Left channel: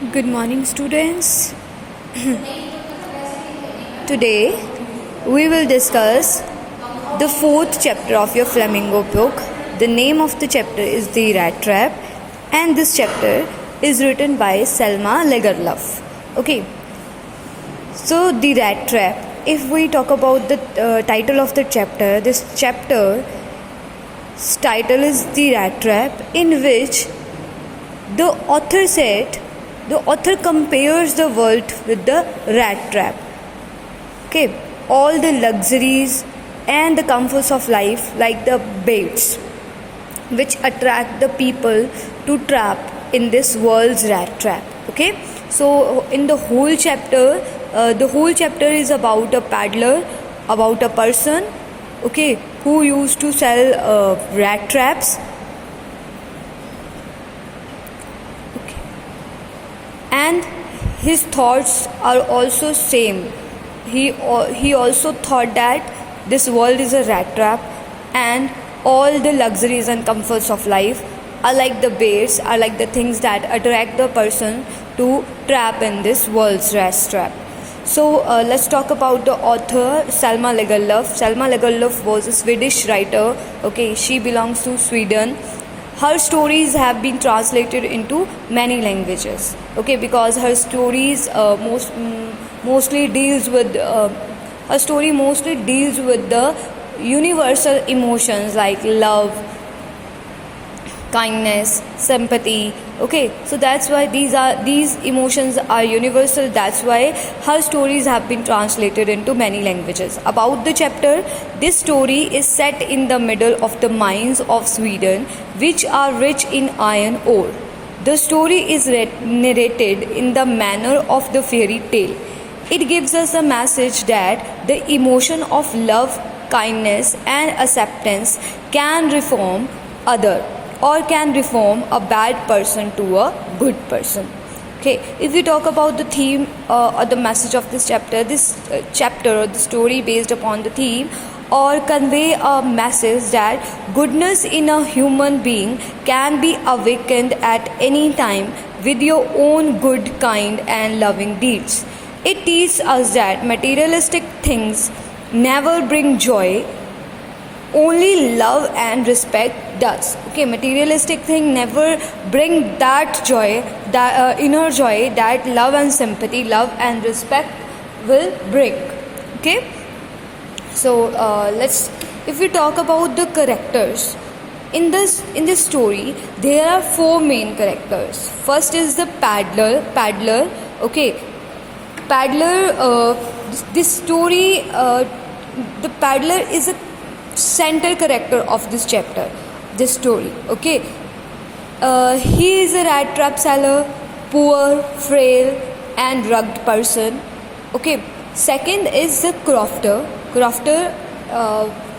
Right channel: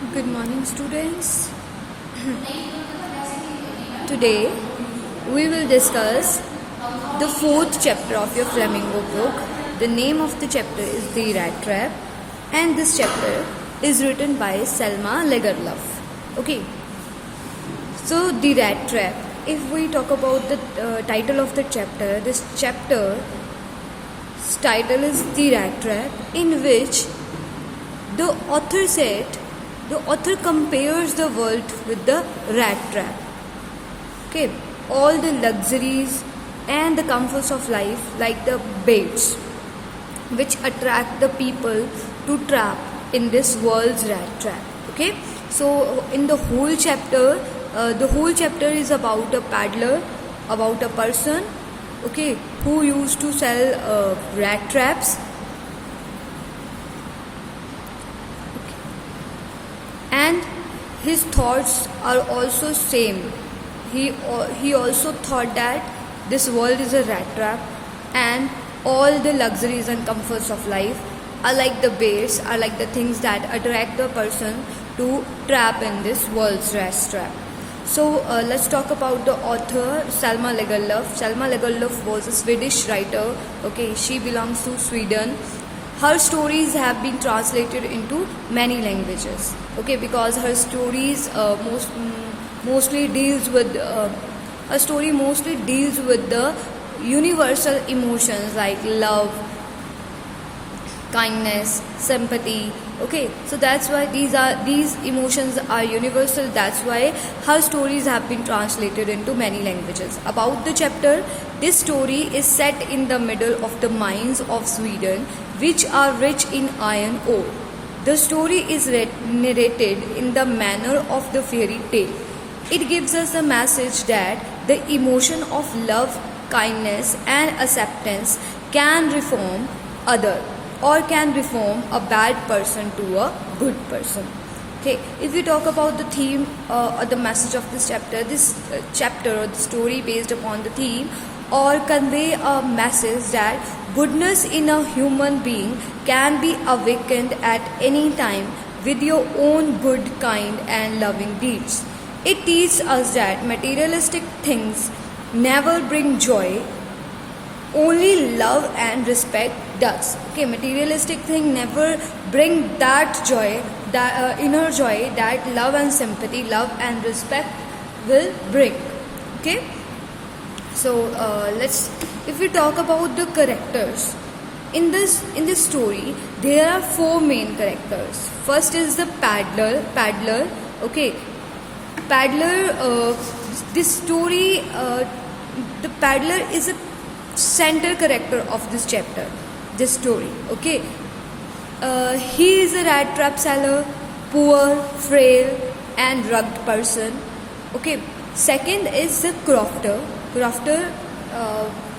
Good morning, students. Today we will discuss the fourth chapter of your Flamingo book. The name of the chapter is The Rat Trap, and this chapter is written by Selma Lagerlöf. Okay, so The Rat Trap. If we talk about the title of the chapter, this chapter's title is The Rat Trap, in which the author compares the world with the rat trap. Okay, all the luxuries and the comforts of life, like the baits, which attract the people to trap in this world's rat trap. Okay, so in the whole chapter is about a paddler, about a person, okay, who used to sell rat traps. And his thoughts are also same. He also thought that this world is a rat trap, and all the luxuries and comforts of life are like the baits, are like the things that attract the person to trap in this world's rat trap. So let's talk about the author, Selma Lagerlöf. Selma Lagerlöf was a Swedish writer. Okay, she belongs to Sweden. Her stories have been translated into many languages. Okay, because her stories mostly deals with the universal emotions like love, kindness, sympathy. Okay, so that's why these emotions are universal. That's why her stories have been translated into many languages. About the chapter, this story is set in the middle of the mines of Sweden, which are rich in iron ore. The story is narrated in the manner of the fairy tale. It gives us a message that the emotion of love, kindness, and acceptance can reform other, or can reform a bad person to a good person. Okay, if we talk about the theme or the message of this chapter, or the story based upon the theme or convey a message that goodness in a human being can be awakened at any time with your own good, kind, and loving deeds. It teaches us that materialistic things never bring joy, only love and respect does. Okay, materialistic thing never bring that joy, that inner joy that love and sympathy, love and respect will bring. Okay, so if we talk about the characters in this story, there are four main characters. First is the paddler. Okay, paddler. This story, the paddler is a center character of this chapter, this story. Okay, he is a rat trap seller, poor, frail, and rugged person. Okay, second is the crofter.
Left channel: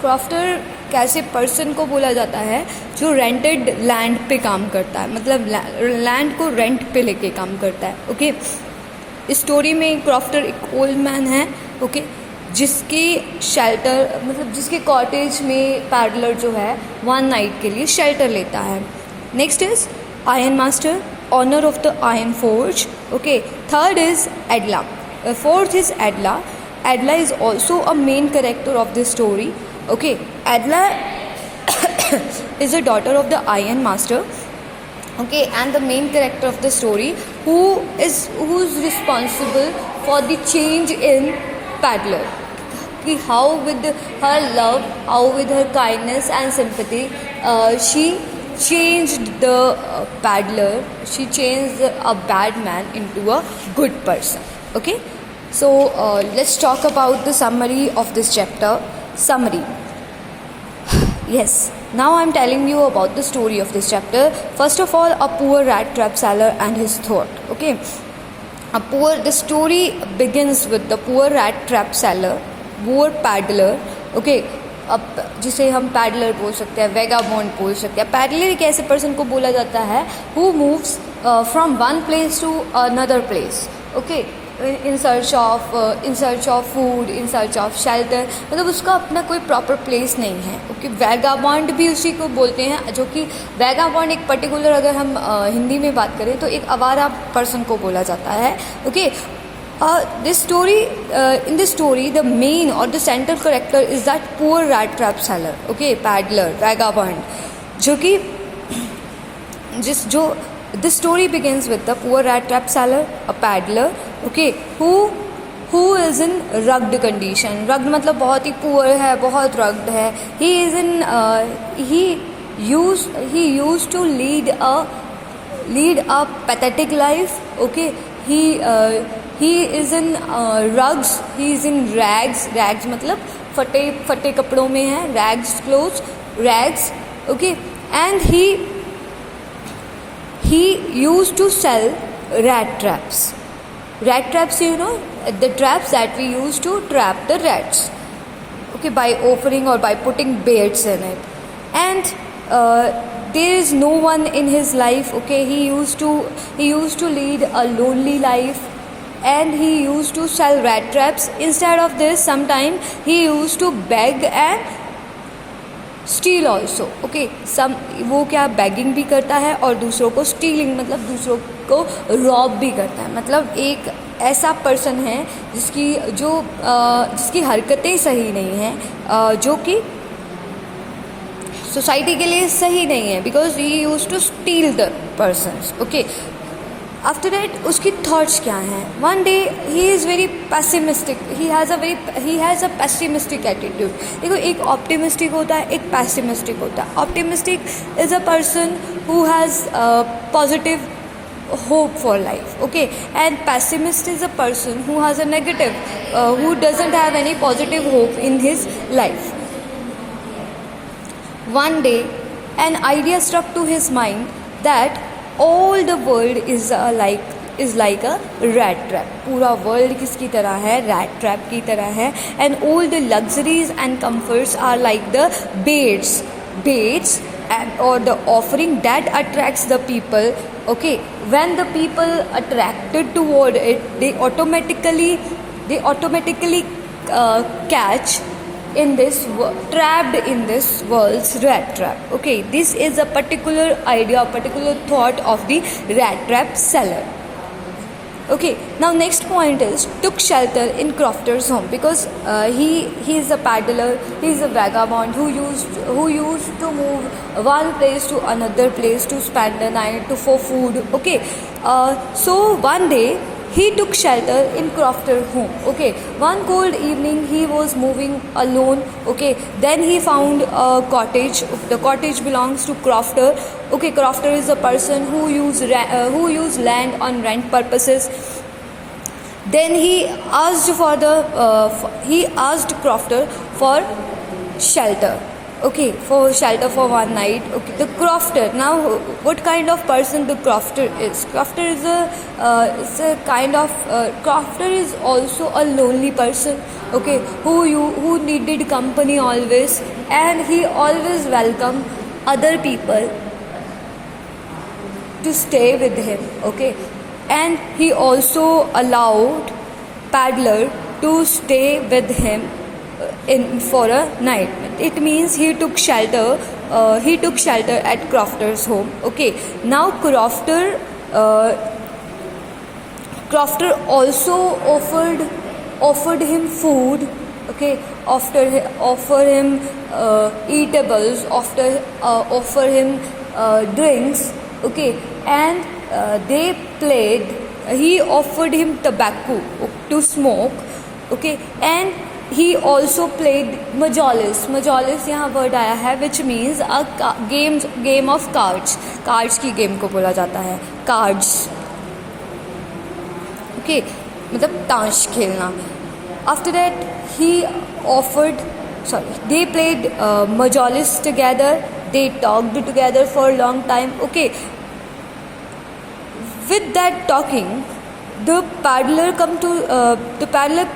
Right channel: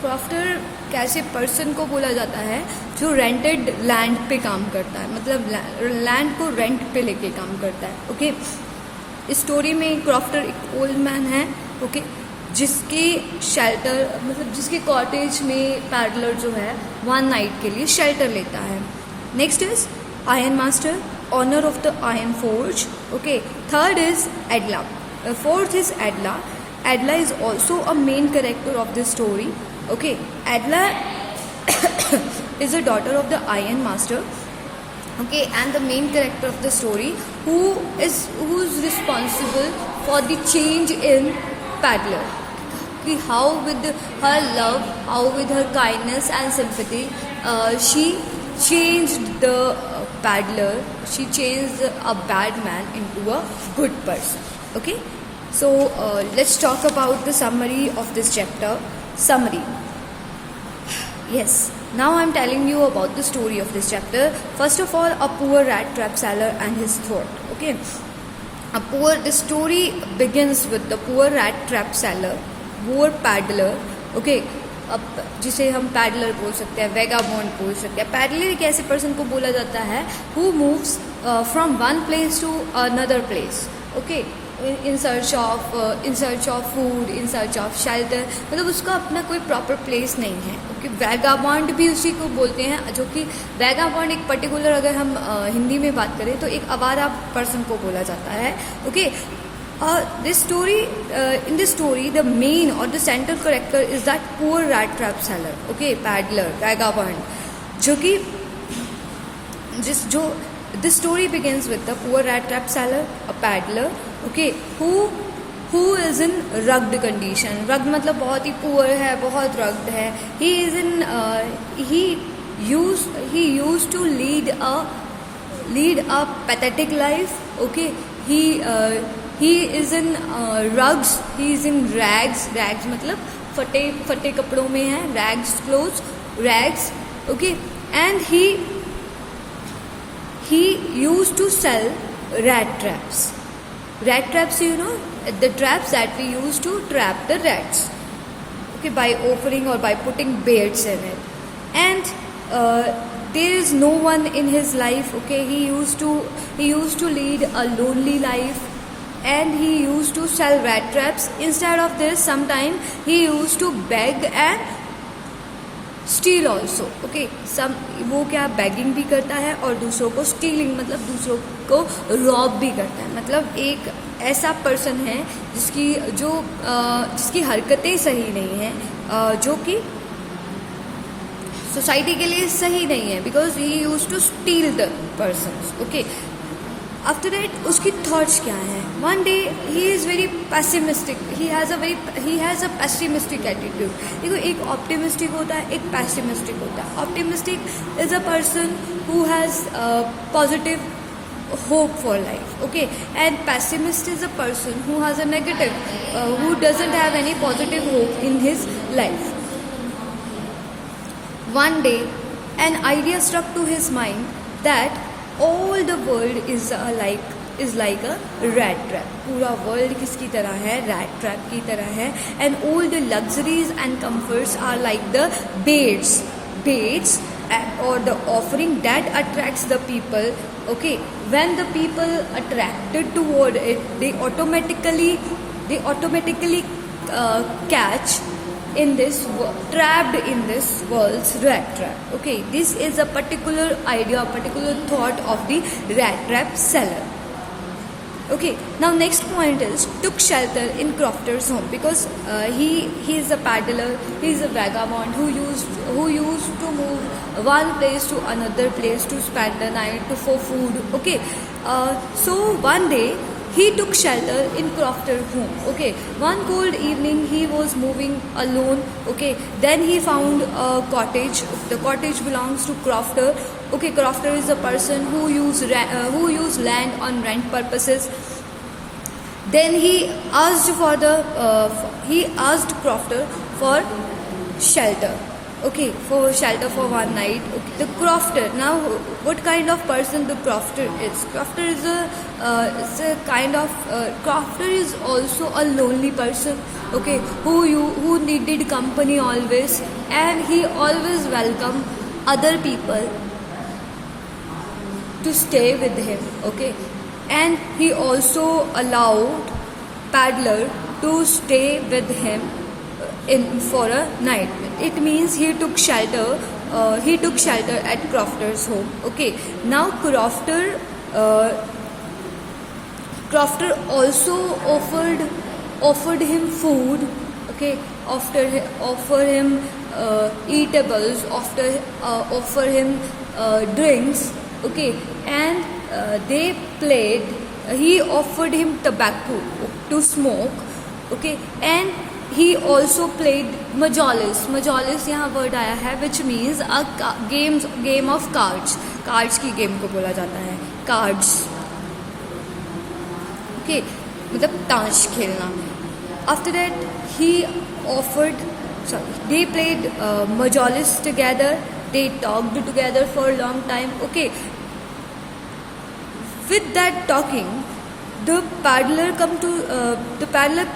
Crofter कैसे person को बोला जाता है जो rented land पे काम करता है, मतलब लैंड को रेंट पे लेके काम करता है. ओके, इस स्टोरी में क्रॉफ्टर एक ओल्ड मैन है. ओके, जिसकी शेल्टर, मतलब जिसके कॉटेज में पैडलर जो है 1 नाइट के लिए शेल्टर लेता है. Next is iron master, honour of the iron forge. Okay, third is Edla. Fourth is Edla. Adla is also a main character of this story. Okay, Adla is a daughter of the Iron Master. Okay, and the main character of the story, who is responsible for the change in Paddler. How with her love, how with her kindness and sympathy, she changed the Paddler. She changed a bad man into a good person. Okay. So let's talk about the summary of this chapter. Summary. Yes, now I'm telling you about the story of this chapter. First of all, a poor rat trap seller and his thought. Okay, the story begins with the poor rat trap seller, poor paddler. Okay, अब जिसे हम peddler बोल सकते हैं, vagabond बोल सकते हैं. Peddler एक ऐसे पर्सन को बोला जाता है who moves from one place to another place. Okay, in search of food, in search of shelter, मतलब उसका अपना कोई प्रॉपर प्लेस नहीं है। ओके, वैगाबॉन्ड भी उसी को बोलते हैं, जो कि वैगाबॉन्ड एक पर्टिकुलर, अगर हम हिंदी में बात करें तो एक आवारा पर्सन को बोला जाता है। Okay, in this story the main or the central character is that poor rat trap seller, okay, paddler, vagabond, जो कि the story begins with the poor rat trap seller, a paddler, okay, who is in rugged condition. rugged मतलब बहुत ही poor है, बहुत rugged है। he is in he used to lead a pathetic life, okay. he is in rugs, he is in rags मतलब फटे कपड़ों में है, rags clothes, rags, okay, and he used to sell rat traps, you know, the traps that we use to trap the rats, okay, by offering or by putting baits in it. And there is no one in his life, okay. He used to lead a lonely life, and he used to sell rat traps. Instead of this, sometimes he used to beg and steal also, okay. वो क्या begging भी करता है और दूसरों को stealing मतलब दूसरों को rob भी करता है। मतलब एक ऐसा पर्सन है जिसकी हरकतें सही नहीं है, जो कि सोसाइटी के लिए सही नहीं है, because he use to steal the persons, okay. After that उसकी थॉट्स क्या हैं? One day he is very pessimistic, he has a pessimistic attitude. देखो, एक ऑप्टिमिस्टिक होता है, एक पैसिमिस्टिक होता है। Optimistic is a person who has positive hope for life, okay, and pessimist is a person who has a negative, who doesn't have any positive hope in his life. One day an idea struck to his mind that all the world is like a rat trap. पूरा world किसकी तरह है? rat trap की तरह है। and all the luxuries and comforts are like the baits or the offering that attracts the people, okay. When the people attracted toward it, they automatically catch in this trapped in this world's rat trap, okay. This is a particular idea, particular thought of the rat trap seller, okay. Now next point is took shelter in Crofter's home, because he is a paddler, he is a vagabond who used to move one place to another place to spend the night for food, okay. So one day he took shelter in Crofter's home, okay. One cold evening he was moving alone, okay. Then he found a cottage. The cottage belongs to Crofter, okay. Crofter is a person who use land on rent purposes. Then he asked Crofter for shelter, okay, for shelter for one night, okay. The Crofter, now what kind of person the Crofter is? Crofter is Crofter is also a lonely person, okay, who needed company always, and he always welcomed other people to stay with him, okay. And he also allowed paddler to stay with him for a night. It means he took shelter at Crofter's home, okay. Now Crofter also offered him food, okay. Offer him eatables, offer him drinks, okay. And he offered him tobacco to smoke, okay. And he also played majolis यहाँ word आया है, which means a game of cards की game को बोला जाता है, cards, okay, मतलब ताश खेलना। After that they played majolis together, they talked together for a long time, okay. With that talking, the paddler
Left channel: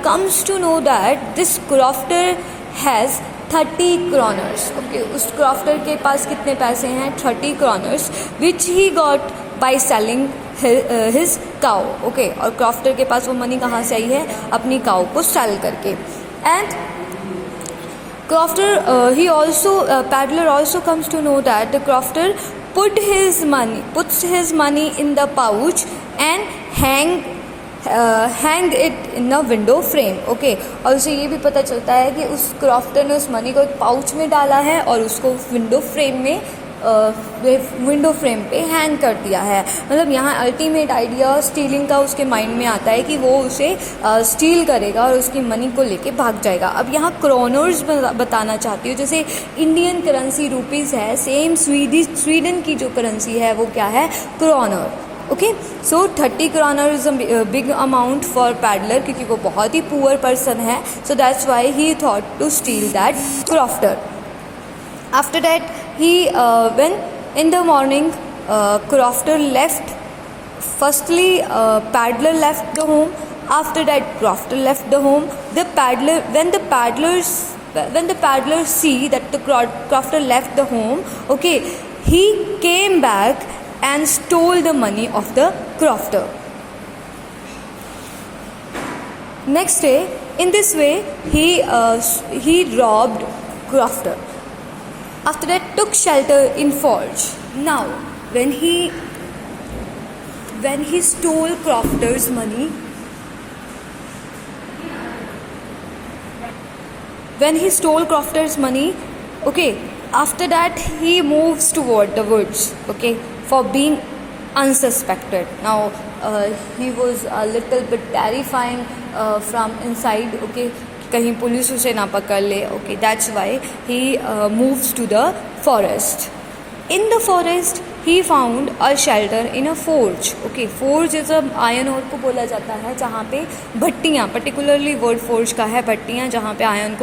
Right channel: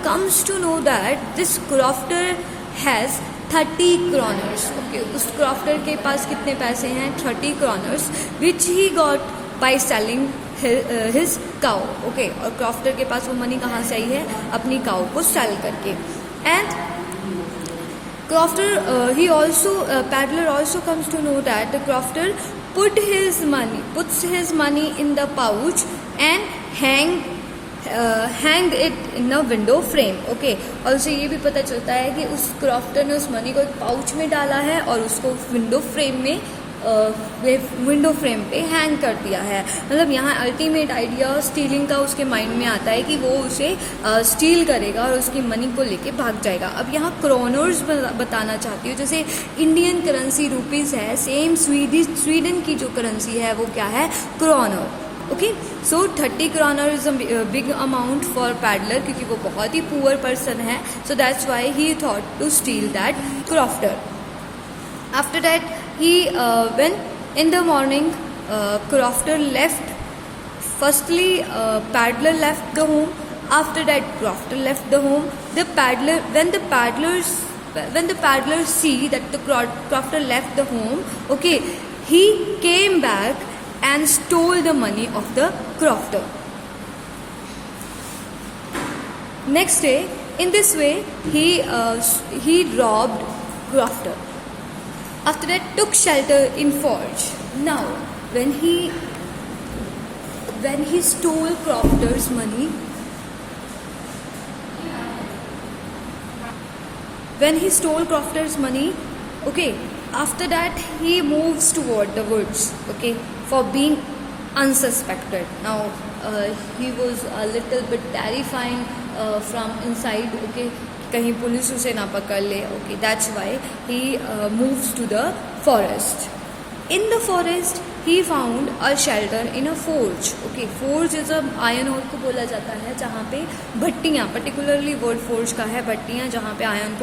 comes to know that this Crofter has 30 kroners, okay. उस Crofter के पास कितने पैसे हैं? 30 kroners, which he got by selling his cow, okay, और crofter के पास वो money कहाँ से आई है, अपनी काउ को सेल करके. And crofter he also Paddler also comes to know that the crofter puts his money in the pouch and hang it in a window frame, okay. और उसे ये भी पता चलता है कि उस क्रॉफ्टर ने उस मनी को एक पाउच में डाला है और उसको विंडो फ्रेम पे हैंग कर दिया है. मतलब यहाँ अल्टीमेट आइडिया स्टीलिंग का उसके माइंड में आता है कि वो उसे स्टील करेगा और उसकी मनी को लेके भाग जाएगा. अब यहाँ क्रोनर्स बताना चाहती हूँ. जैसे इंडियन करेंसी रुपीज़ है, सेम स्वीडन की जो करेंसी है वो क्या है, kroner. Okay, so 30 kroner is a big amount for peddler, क्योंकि वो बहुत ही पुअर पर्सन है. So that's why he thought to steal that crofter. After that he when in the morning crofter left. Firstly paddler left the home. After that crofter left the home. When the paddlers see that the crofter left the home, okay, he came back and stole the money of the crofter. Next day, in this way he robbed crofter. After that, took shelter in forge. Now, when he stole crofter's money, okay, after that he moves toward the woods, okay, for being unsuspected. Now, he was a little bit terrifying from inside, okay. कहीं police उसे ना पकड़ ले, okay. That's why he moves to the forest. In the forest he found a shelter in a forge, okay. Forge is a iron ore को बोला जाता है जहाँ पे भट्टियाँ, पर्टिकुलरली वर्ड फोर्ज का है, भट्टियाँ जहाँ पे आयरन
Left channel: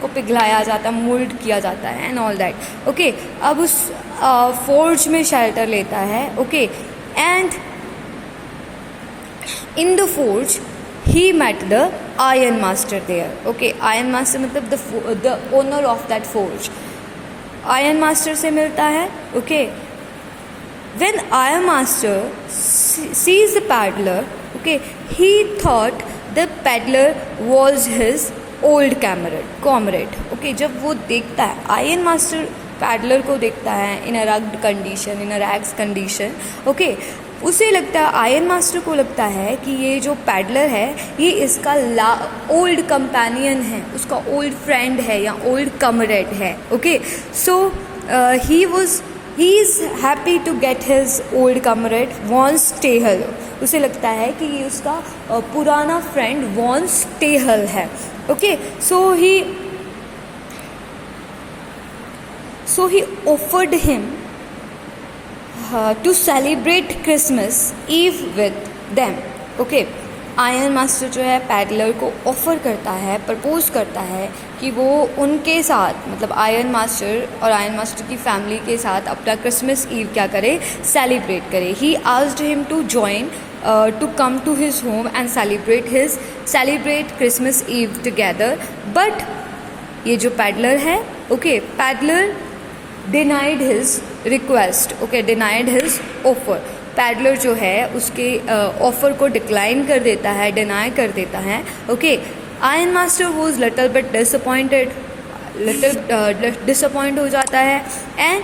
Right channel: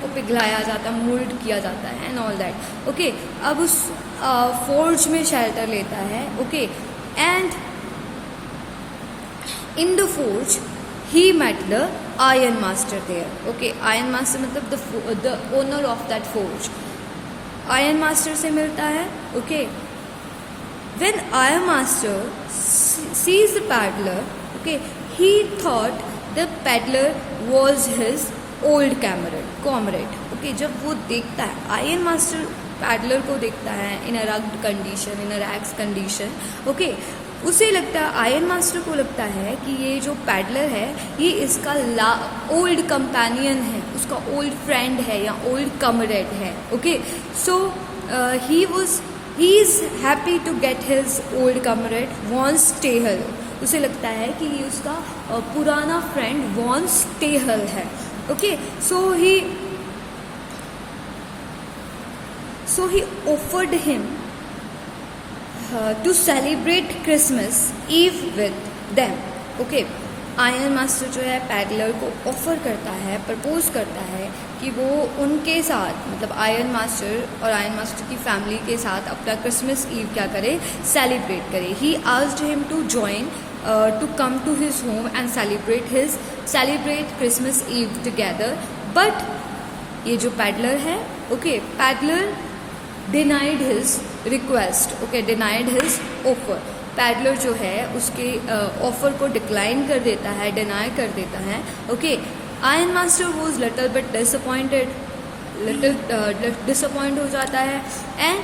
को पिघलाया जाता है, मोल्ड किया जाता है एंड ऑल दैट, ओके. अब उस फोर्ज में शेल्टर लेता है, okay. And in the forge he met the iron master there, okay. Iron master मतलब the owner of that forge. iron master से मिलता है, okay. When iron master sees the paddler, okay, he thought the paddler was his old comrade, okay. जब वो देखता है, iron master paddler को देखता है in a rugged condition, in a rags condition, okay. उसे लगता है, आयरन मास्टर को लगता है कि ये जो पैडलर है ये इसका ओल्ड कंपेनियन है, उसका ओल्ड फ्रेंड है या ओल्ड कमरेड है, okay. So he is happy to get his old comrade once tell. उसे लगता है कि ये उसका पुराना फ्रेंड वॉन्स टेहल है, okay. So he offered him to celebrate Christmas Eve with them, okay. Iron master जो है पैडलर को ऑफर करता है, प्रपोज करता है कि वो उनके साथ, मतलब आयरन मास्टर और आयरन मास्टर की फैमिली के साथ अपना क्रिसमस ईव क्या करे, सेलिब्रेट करे. He asked him to join to come to his home and celebrate Christmas Eve together. But ये जो पैडलर है, okay, peddler denied his request, okay, denied his offer. Peddler जो है उसके ऑफर को डिक्लाइन कर देता है, डिनाई कर देता है, okay. Iron master was little bit disappoint हो जाता है. And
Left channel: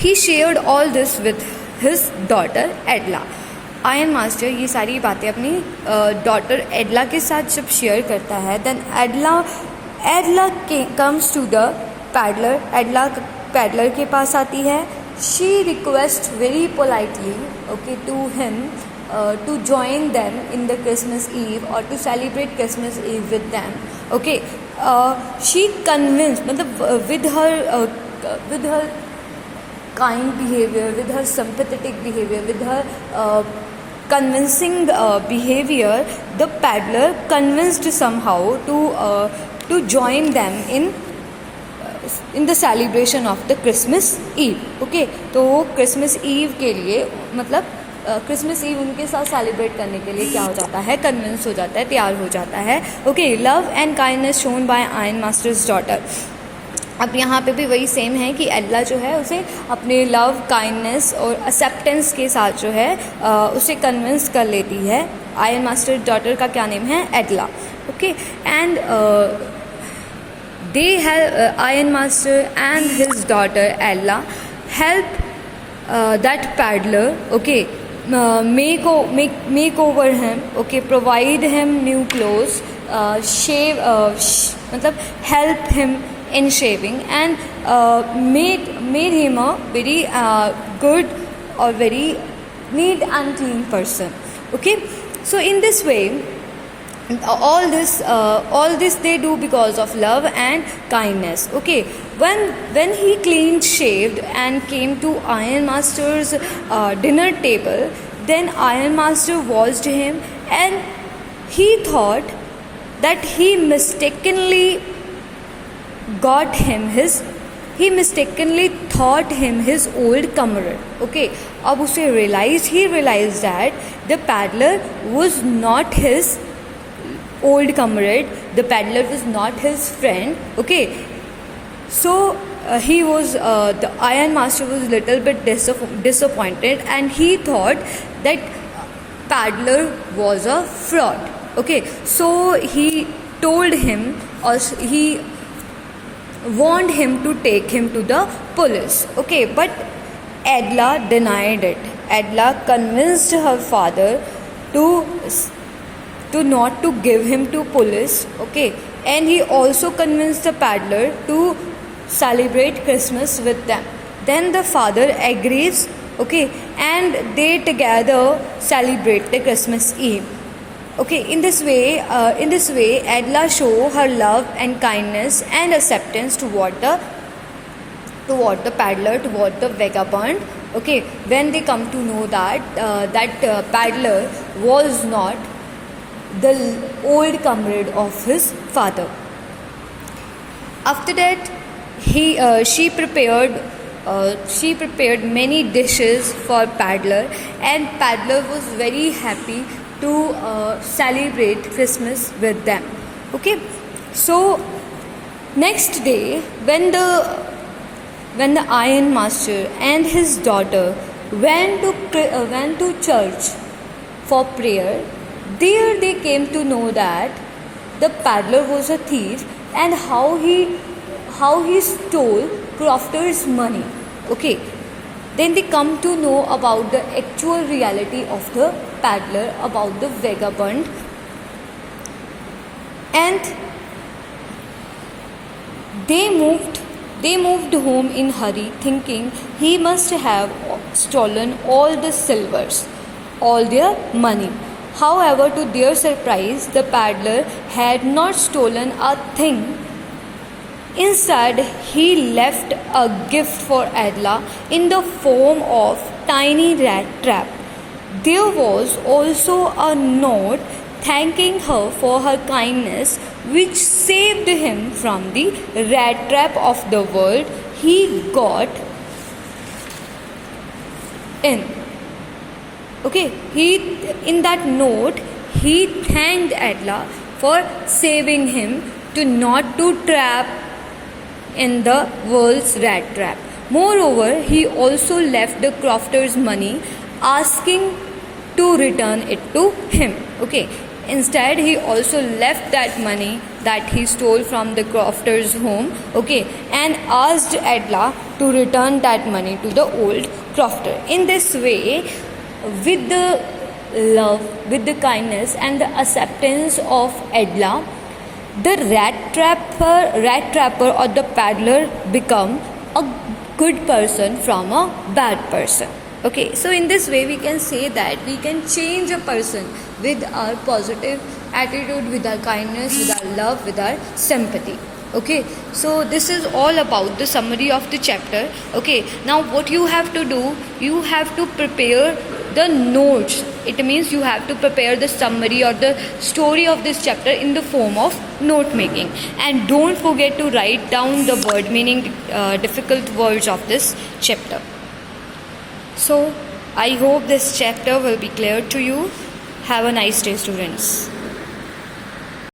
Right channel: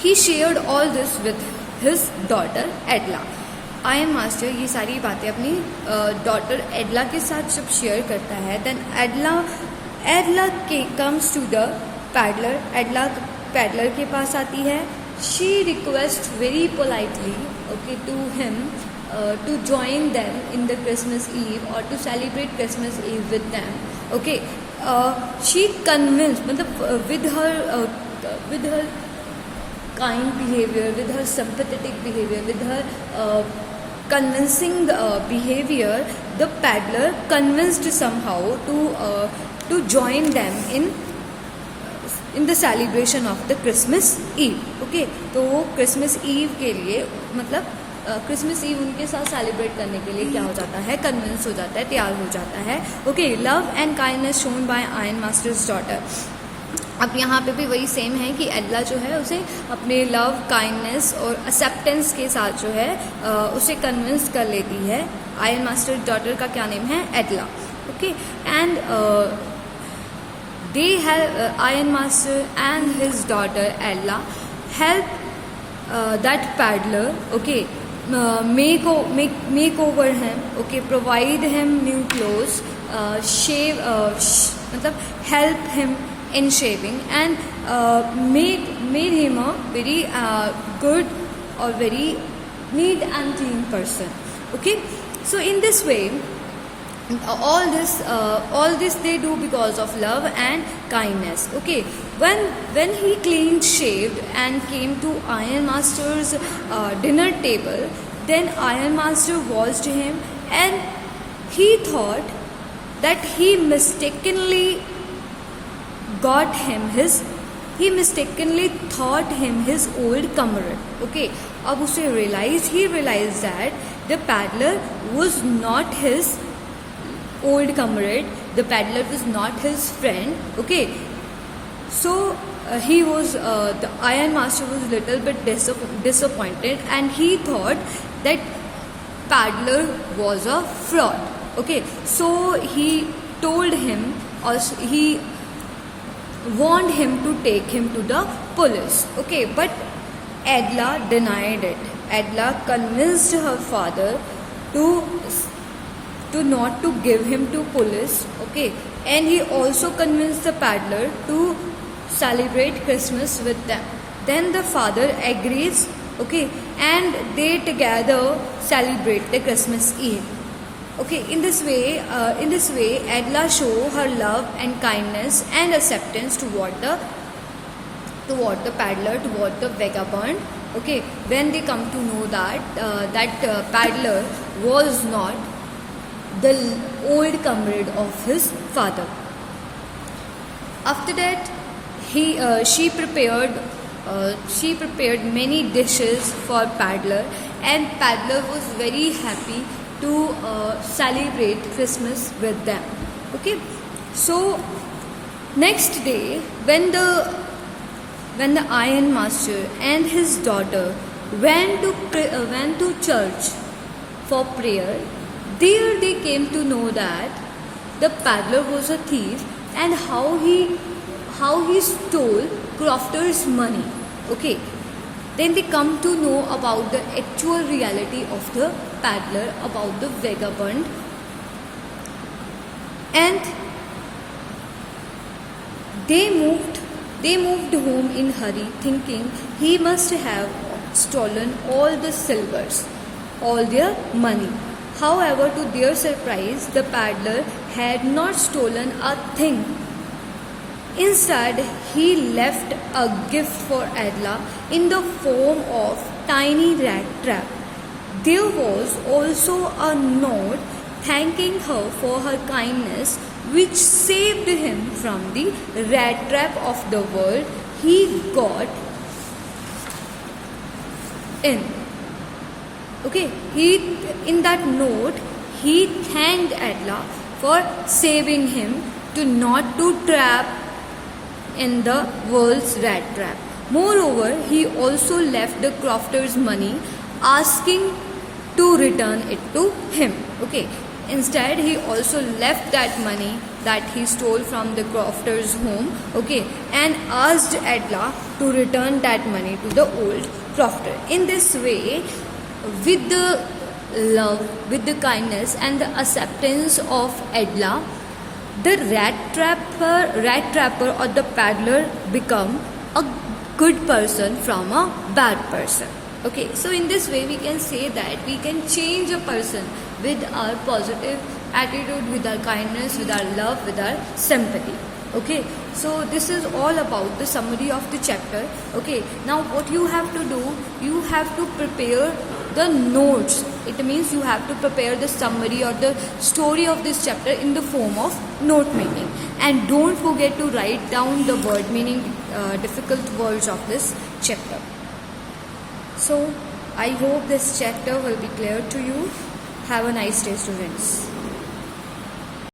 he shared all this with his daughter एडला. Iron master ये सारी बातें अपनी डॉटर एडला के साथ जब शेयर करता है, then Edla comes to the peddler. Edla peddler के पास आती है. She request very politely, okay, to him to join them in the Christmas Eve और to celebrate Christmas Eve with them, okay. She convince, मतलब with her kind behaviour, with her sympathetic behaviour, with her convincing behavior, the paddler convinced somehow to join them in the celebration of the Christmas Eve, okay. तो Christmas ewe के लिए, मतलब Christmas ewe उनके साथ celebrate करने के लिए क्या हो जाता है, कन्विंस हो जाता है, तैयार हो जाता है, okay. Love and kindness shown by iron masters daughter. अब यहाँ पे भी वही सेम है कि एडला जो है उसे अपने लव, काइंडनेस और एक्सेप्टेंस के साथ जो है उसे कन्विंस कर लेती है। आयरन मास्टर डॉटर का क्या नेम है? Edla. Okay, and they have Iron Master and his daughter Ella help that paddler, okay, make over him, okay, provide him new clothes, shave, मतलब help him in shaving, and made him a very good or very neat and clean person. Okay, so in this way, all this they do because of love and kindness. Okay, when he clean shaved and came to Iron Master's dinner table, then Iron Master watched him, and he thought that he mistakenly thought him his old comrade. Okay, अब उसे he realized that the paddler was not his old comrade, the paddler was not his friend. Okay, so he was the Iron Master was little bit disappointed, and he thought that paddler was a fraud. Okay, so he told him, or he warned him to take him to the police. Okay, but Edla denied it. Edla convinced her father to not to give him to police. Okay, and he also convinced the paddler to celebrate Christmas with them. Then the father agrees. Okay, and they together celebrate the Christmas Eve. Okay, in this way Edla show her love and kindness and acceptance toward the paddler, toward the vagabond. Okay, when they come to know that paddler was not the old comrade of his father. After that, she prepared many dishes for paddler, and paddler was very happy to celebrate Christmas with them. Okay, so next day when the Iron Master and his daughter went to church for prayer, there they came to know that the paddler was a thief, and how he stole Crofter's money. Okay, then they come to know about the actual reality of the paddler, about the vagabond, and they moved home in hurry, thinking he must have stolen all the silvers, all their money. However, to their surprise, the paddler had not stolen a thing. Instead, he left a gift for Edla in the form of tiny rat trap. There was also a note thanking her for her kindness, which saved him from the rat trap of the world he got in. Okay, in that note he thanked Edla for saving him to not to trap in the world's rat trap. Moreover, he also left the Crofter's money, asking to return it to him. Okay, instead he also left that money that he stole from the Crofter's home, okay, and asked Edla to return that money to the old Crofter. In this way, with the love, with the kindness and the acceptance of Edla, the rat trapper or the paddler become a good person from a bad person. Okay, so in this way we can say that we can change a person with our positive attitude, with our kindness, with our love, with our sympathy. Okay, so this is all about the summary of the chapter. Okay, now what you have to do, you have to prepare the notes. It means you have to prepare the summary or the story of this chapter in the form of note making, and don't forget to write down the word meaning, difficult words of this chapter. So I hope this chapter will be clear to you. Have a nice day, students.